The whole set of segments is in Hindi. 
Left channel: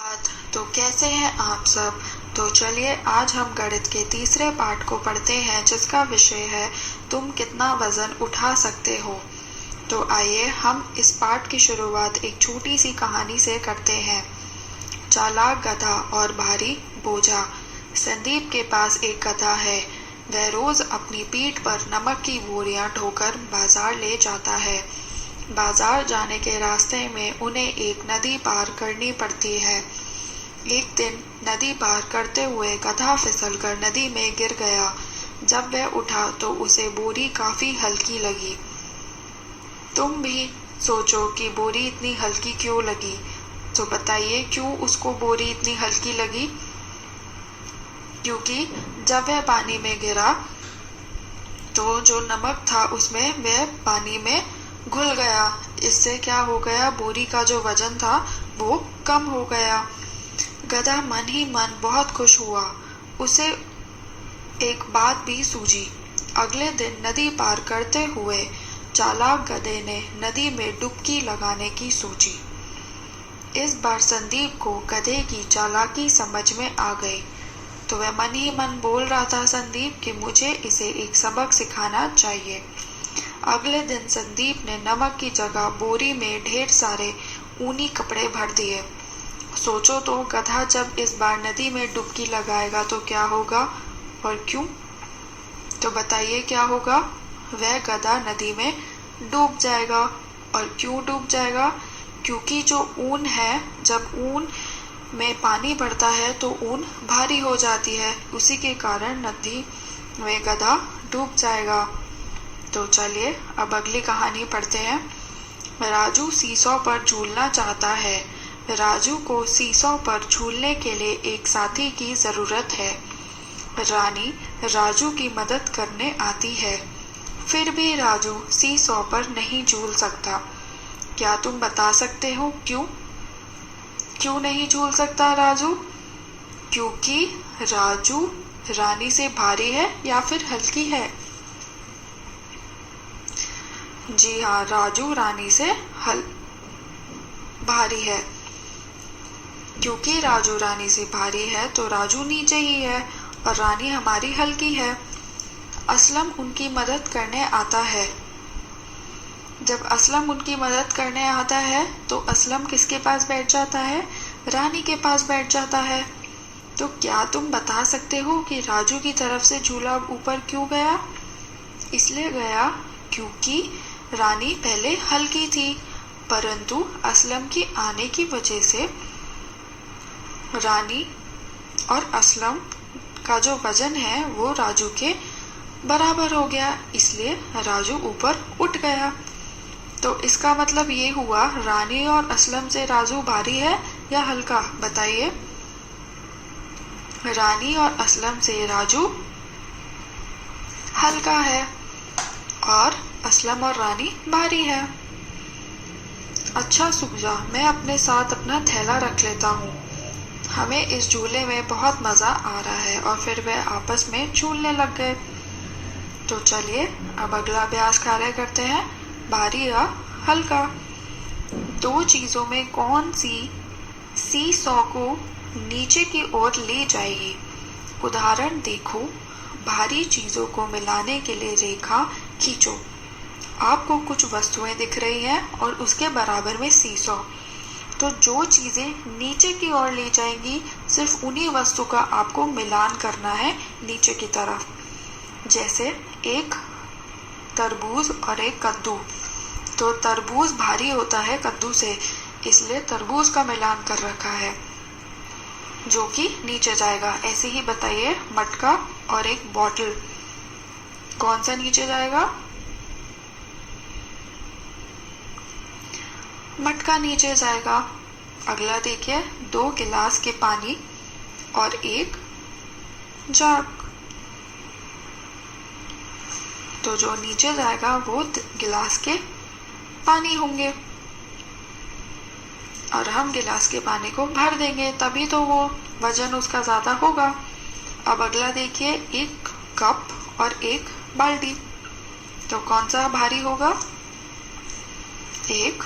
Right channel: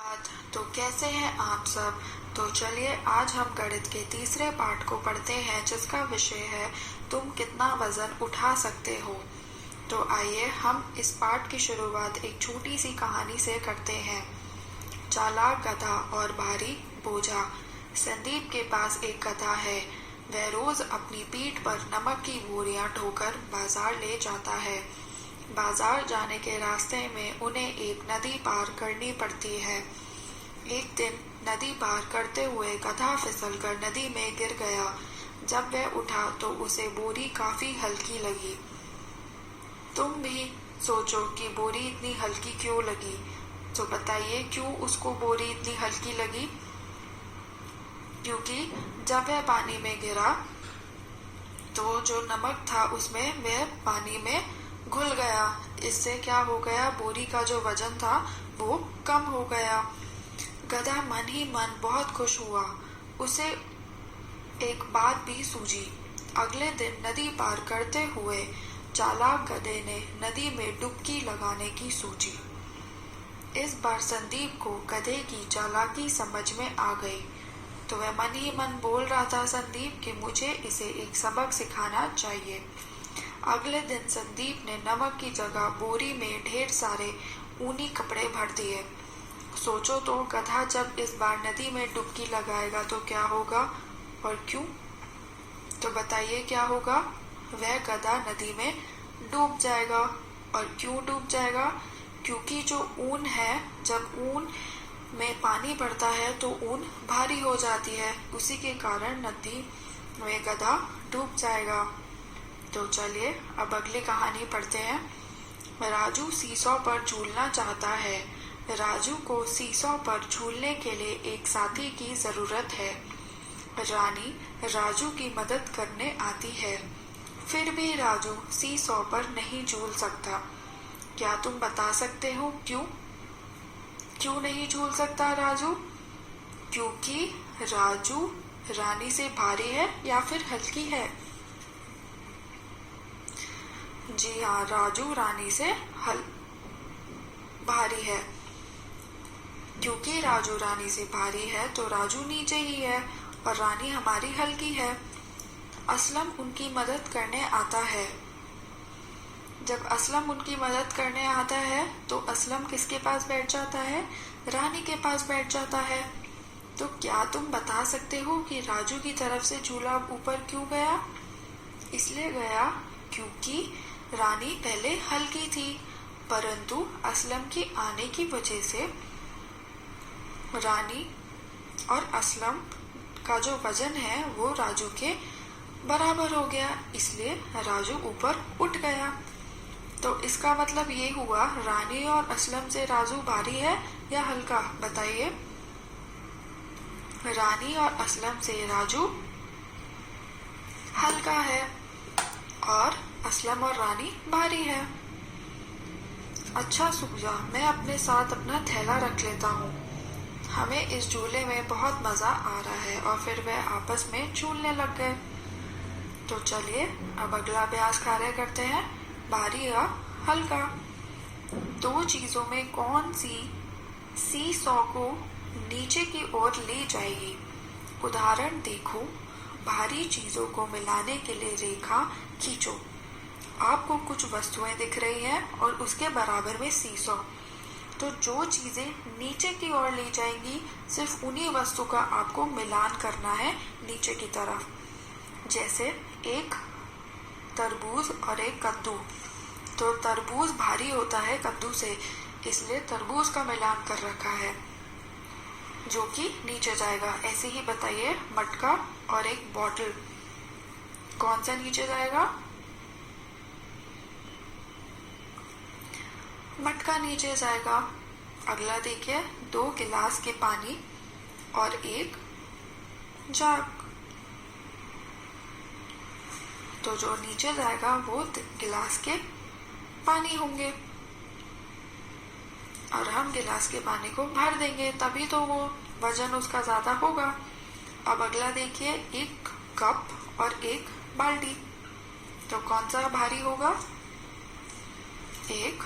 तो कैसे हैं आप सब। तो चलिए आज हम गणित के तीसरे पाठ को पढ़ते हैं जिसका विषय है तुम कितना वजन उठा सकते हो। तो आइए हम इस पाठ की शुरुआत एक छोटी सी कहानी से करते हैं। चालाक गधा और भारी बोझा। संदीप के पास एक गधा है। वह रोज अपनी पीठ पर नमक की बोरियां ढोकर बाजार ले जाता है। बाजार जाने के रास्ते में उन्हें एक नदी पार करनी पड़ती है। एक दिन नदी पार करते हुए गधा फिसलकर नदी में गिर गया। जब वह उठा तो उसे बोरी काफी हल्की लगी। तुम भी सोचो कि बोरी इतनी हल्की क्यों लगी। तो बताइए क्यों उसको बोरी इतनी हल्की लगी। क्योंकि जब वह पानी में गिरा तो जो नमक था उसमें वह पानी में घुल गया। इससे क्या हो गया, बोरी का जो वजन था वो कम हो गया। गधा मन ही मन बहुत खुश हुआ। उसे एक बात भी सूझी। अगले दिन नदी पार करते हुए चालाक गधे ने नदी में डुबकी लगाने की सोची। इस बार संदीप को गधे की चालाकी समझ में आ गई। तो वह मन ही मन बोल रहा था संदीप कि मुझे इसे एक सबक सिखाना चाहिए। अगले दिन संदीप ने नमक की जगह बोरी में ढेर सारे ऊनी कपड़े भर दिए। सोचो तो गधा जब इस बार नदी में डुबकी लगाएगा तो क्या होगा और क्यों। तो बताइए क्या होगा। वह गधा नदी में डूब जाएगा। और क्यों डूब जाएगा, क्योंकि जो ऊन है, जब ऊन में पानी बढ़ता है तो ऊन भारी हो जाती है। उसी के कारण नदी में गधा डूब जाएगा। तो चलिए अब अगली कहानी पढ़ते हैं। राजू सीसौ पर झूलना चाहता है। राजू को सीसौ पर झूलने के लिए एक साथी की जरूरत है। रानी राजू की मदद करने आती है। फिर भी राजू सीसौ पर नहीं झूल सकता। क्या तुम बता सकते हो क्यों? क्यों नहीं झूल सकता राजू? क्योंकि राजू रानी से भारी है या फिर हल्की है। जी हाँ, राजू रानी से भारी है। क्योंकि राजू रानी से भारी है तो राजू नीचे ही है और रानी हमारी हल्की है। असलम उनकी मदद करने आता है। जब असलम उनकी मदद करने आता है तो असलम किसके पास बैठ जाता है? रानी के पास बैठ जाता है। तो क्या तुम बता सकते हो कि राजू की तरफ से झूला ऊपर क्यों गया? इसलिए गया क्योंकि रानी पहले हल्की थी, परंतु असलम के आने की वजह से रानी और असलम का जो वजन है वो राजू के बराबर हो गया, इसलिए राजू ऊपर उठ गया। तो इसका मतलब ये हुआ रानी और असलम से राजू भारी है या हल्का, बताइए। रानी और असलम से राजू हल्का है और असलम और रानी भारी है। अच्छा सुबजा, मैं अपने साथ अपना थैला रख लेता हूँ। हमें इस झूले में बहुत मजा आ रहा है। और फिर वे आपस में झूलने लग गए। तो चलिए अब अगला अभ्यास कार्य करते हैं, भारी या हल्का। दो चीजों में कौन सी सीसॉ को नीचे की ओर ले जाएगी। उदाहरण देखो, भारी चीजों को मिलाने के लिए रेखा खींचो। आपको कुछ वस्तुएं दिख रही हैं और उसके बराबर में सीसॉ। तो जो चीजें नीचे की ओर ले जाएंगी सिर्फ उन्हीं वस्तु का आपको मिलान करना है नीचे की तरफ। जैसे एक तरबूज और एक कद्दू। तो तरबूज भारी होता है कद्दू से, इसलिए तरबूज का मिलान कर रखा है जो कि नीचे जाएगा। ऐसे ही बताइए, मटका और एक बॉटल, कौन सा नीचे जाएगा? मटका नीचे जाएगा। अगला देखिए, 2 गिलास के पानी और एक जग। तो जो नीचे जाएगा वो गिलास के पानी होंगे और हम गिलास के पानी को भर देंगे, तभी तो वो वजन उसका ज्यादा होगा। अब अगला देखिए, एक कप और एक बाल्टी। तो कौन सा भारी होगा? एक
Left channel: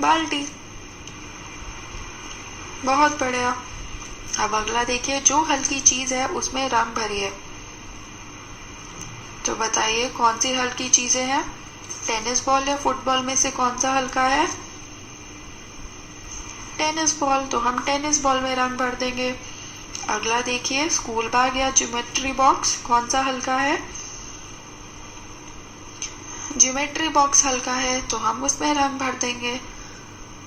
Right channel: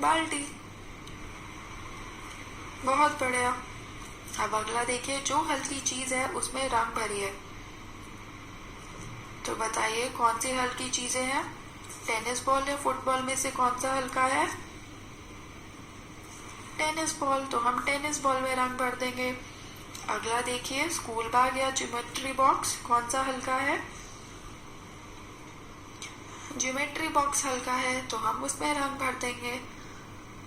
बाल्टी। बहुत बढ़िया। अब अगला देखिए, जो हल्की चीज है उसमें रंग भरिए। तो बताइए कौन सी हल्की चीजें हैं। टेनिस बॉल या फुटबॉल में से कौन सा हल्का है। टेनिस बॉल, तो हम टेनिस बॉल में रंग भर देंगे। अगला देखिए, स्कूल बैग या ज्योमेट्री बॉक्स कौन सा हल्का है। ज्योमेट्री बॉक्स हल्का है, तो हम उसमें रंग भर देंगे।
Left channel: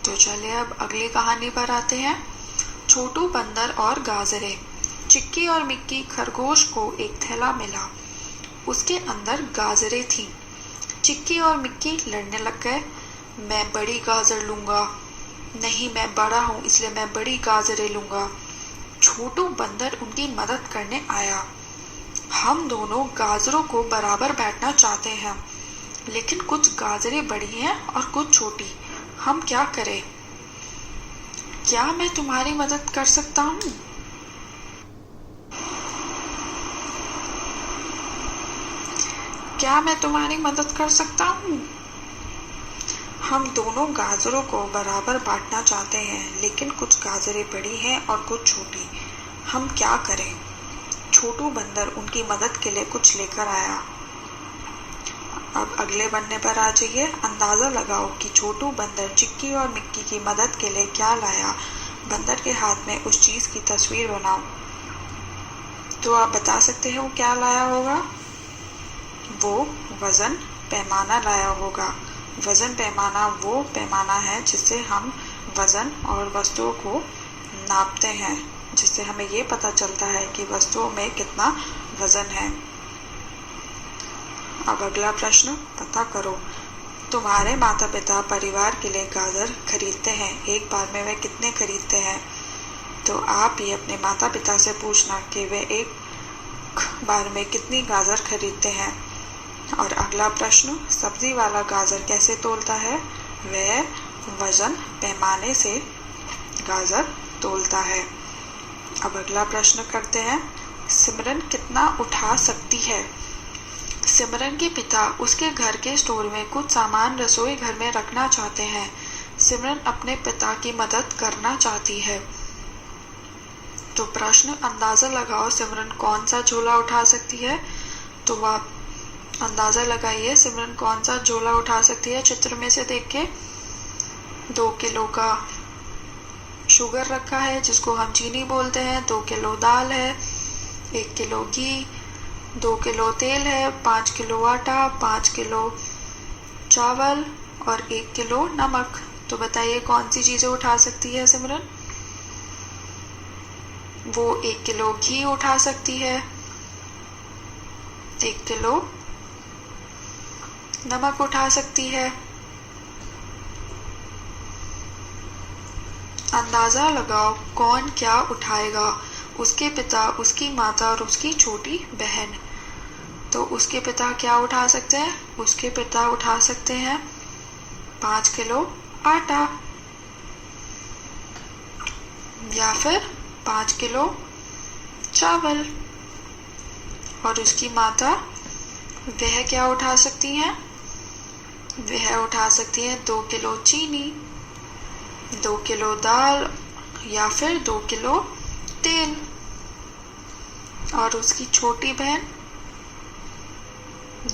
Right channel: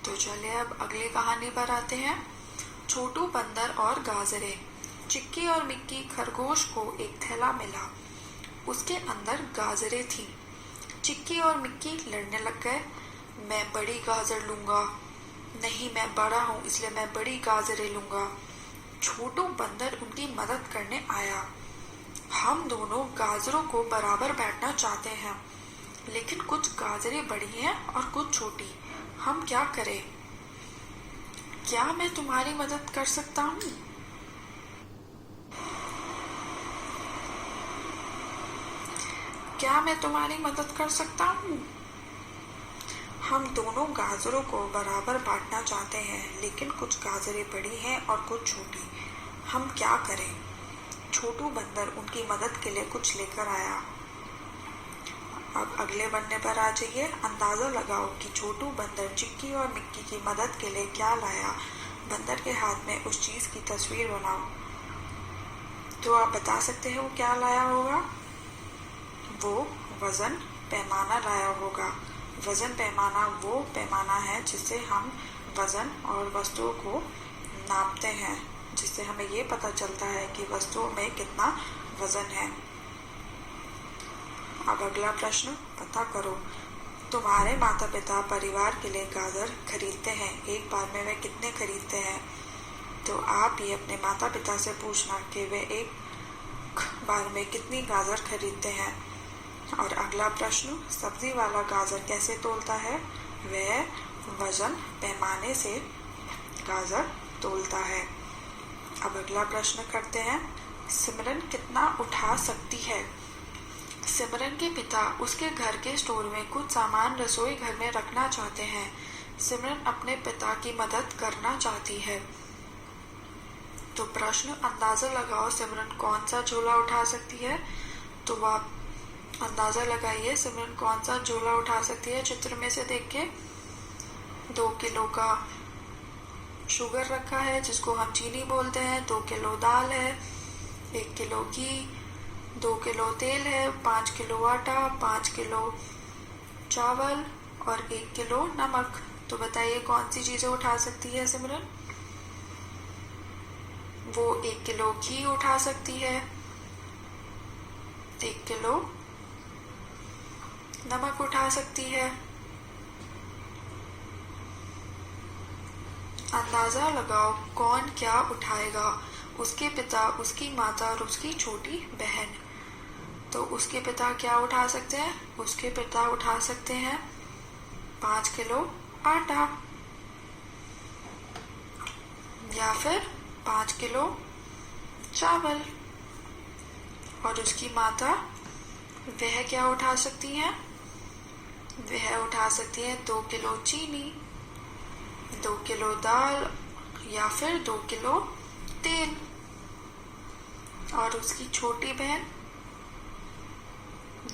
तो चलिए अब अगली कहानी पर आते हैं। छोटू बंदर और गाजरे। चिक्की और मिक्की खरगोश को एक थैला मिला, उसके अंदर गाजरें थीं। चिक्की और मिक्की लड़ने लग गए। मैं बड़ी गाजर लूंगा। नहीं, मैं बड़ा हूँ इसलिए मैं बड़ी गाजरें लूंगा। छोटू बंदर उनकी मदद करने आया। हम दोनों गाजरों को बराबर बैठना चाहते हैं, लेकिन कुछ गाजरें बड़ी हैं और कुछ छोटी। हम क्या करें। क्या मैं तुम्हारी मदद कर सकता हूँ। क्या मैं तुम्हारी मदद कर सकता हूँ। हम दोनों गाजरों को बराबर बांटना चाहते हैं, लेकिन कुछ गाजरें बड़ी हैं और कुछ छोटी। हम क्या करें। छोटू बंदर उनकी मदद के लिए कुछ लेकर आया। अब अगले पन्ने पर आ जाइए। अंदाजा लगाओ कि छोटू बंदर चिक्की और मिक्की की मदद के लिए क्या लाया। बंदर के हाथ में उस चीज की तस्वीर बनाओ। तो आप बता सकते हो क्या लाया होगा। वो वजन पैमाना लाया होगा। वजन पैमाना वो पैमाना है जिससे हम वजन और वस्तुओं को नापते हैं, जिससे हमें ये पता चलता है कि वस्तुओं में कितना वजन है। अब अगला प्रश्न, पता करो तुम्हारे माता पिता परिवार के लिए गाजर खरीदते हैं, एक बार में वे कितने खरीदते हैं। तो आप ही अपने माता पिता से पूछना कि वे एक बार में कितनी गाजर खरीदते हैं। और अगला प्रश्न, सब्जी वाला गाजर कैसे तोलता है। वह वजन पैमाने से गाजर तोलता है। अब अगला प्रश्न करते हैं। सिमरन कितना उठा सकती है। सिमरन के पिता उसके घर के स्टोर में कुछ सामान रसोई घर में रखना चाहते हैं। सिमरन अपने पिता की मदद करना चाहती है। तो प्रश्न, अंदाजा लगाओ सिमरन कौन सा झोला उठा सकती है। तो आप अंदाजा लगाइए सिमरन कौन सा झोला उठा सकती है। चित्र में से देख के 2 किलो का शुगर रखा है जिसको हम चीनी बोलते हैं, 2 किलो दाल है, 1 किलो घी, 2 किलो तेल है, 5 किलो आटा, 5 किलो चावल और 1 किलो नमक। तो बताइए कौन सी चीजें उठा सकती है सिमरन। वो 1 किलो घी उठा सकती है, 1 किलो नमक उठा सकती है। अंदाजा लगाओ कौन क्या उठाएगा। उसके पिता, उसकी माता और उसकी छोटी बहन। तो उसके पिता क्या उठा सकते हैं। उसके पिता उठा सकते हैं 5 किलो आटा या फिर 5 किलो चावल। और उसकी माता, वह क्या उठा सकती हैं। वह उठा सकती है 2 किलो चीनी, 2 किलो दाल या फिर 2 किलो तेल। और उसकी छोटी बहन,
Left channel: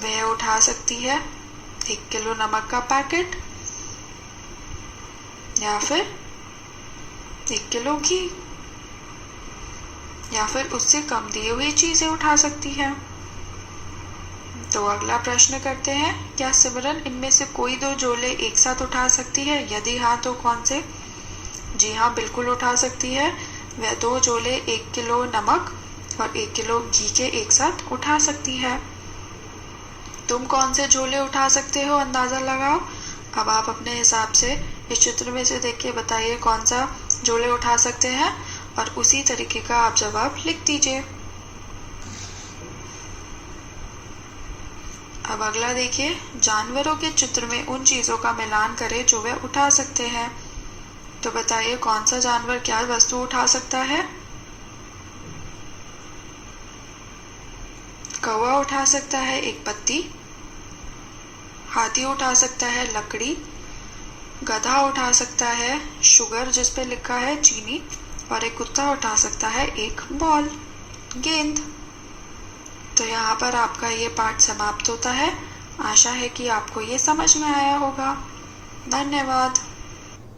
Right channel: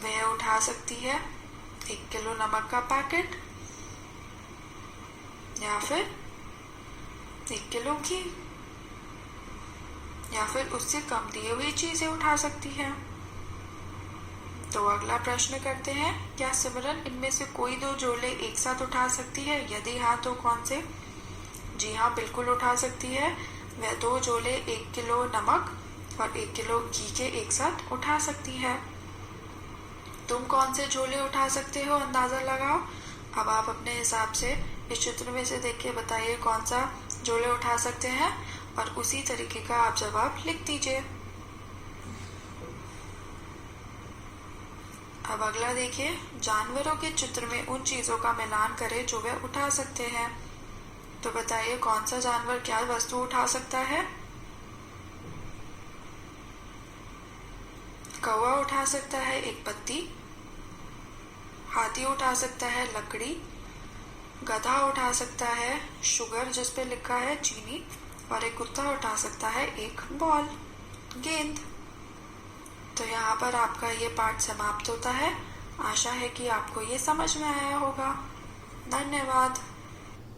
वह उठा सकती है 1 किलो नमक का पैकेट या फिर 1 किलो घी या फिर उससे कम दी हुई चीजें उठा सकती है। तो अगला प्रश्न करते हैं। क्या सिमरन इनमें से कोई 2 झोले एक साथ उठा सकती है। यदि हाँ तो कौन से। जी हाँ, बिल्कुल उठा सकती है। वह 2 झोले 1 किलो नमक और 1 किलो घी के एक साथ उठा सकती है। तुम कौन से झोले उठा सकते हो, अंदाजा लगाओ। अब आप अपने हिसाब से इस चित्र में से देख के बताइए कौन सा झोले उठा सकते हैं और उसी तरीके का आप जवाब लिख दीजिए। अब अगला देखिए। जानवरों के चित्र में उन चीजों का मिलान करें जो वे उठा सकते हैं। तो बताइए कौन सा जानवर क्या वस्तु उठा सकता है। कौवा उठा सकता है एक पत्ती, हाथी उठा सकता है लकड़ी, गधा उठा सकता है शुगर जिस पे लिखा है चीनी, और एक कुत्ता उठा सकता है एक बॉल, गेंद। तो यहाँ पर आपका ये पाठ समाप्त होता है। आशा है कि आपको ये समझ में आया होगा। धन्यवाद।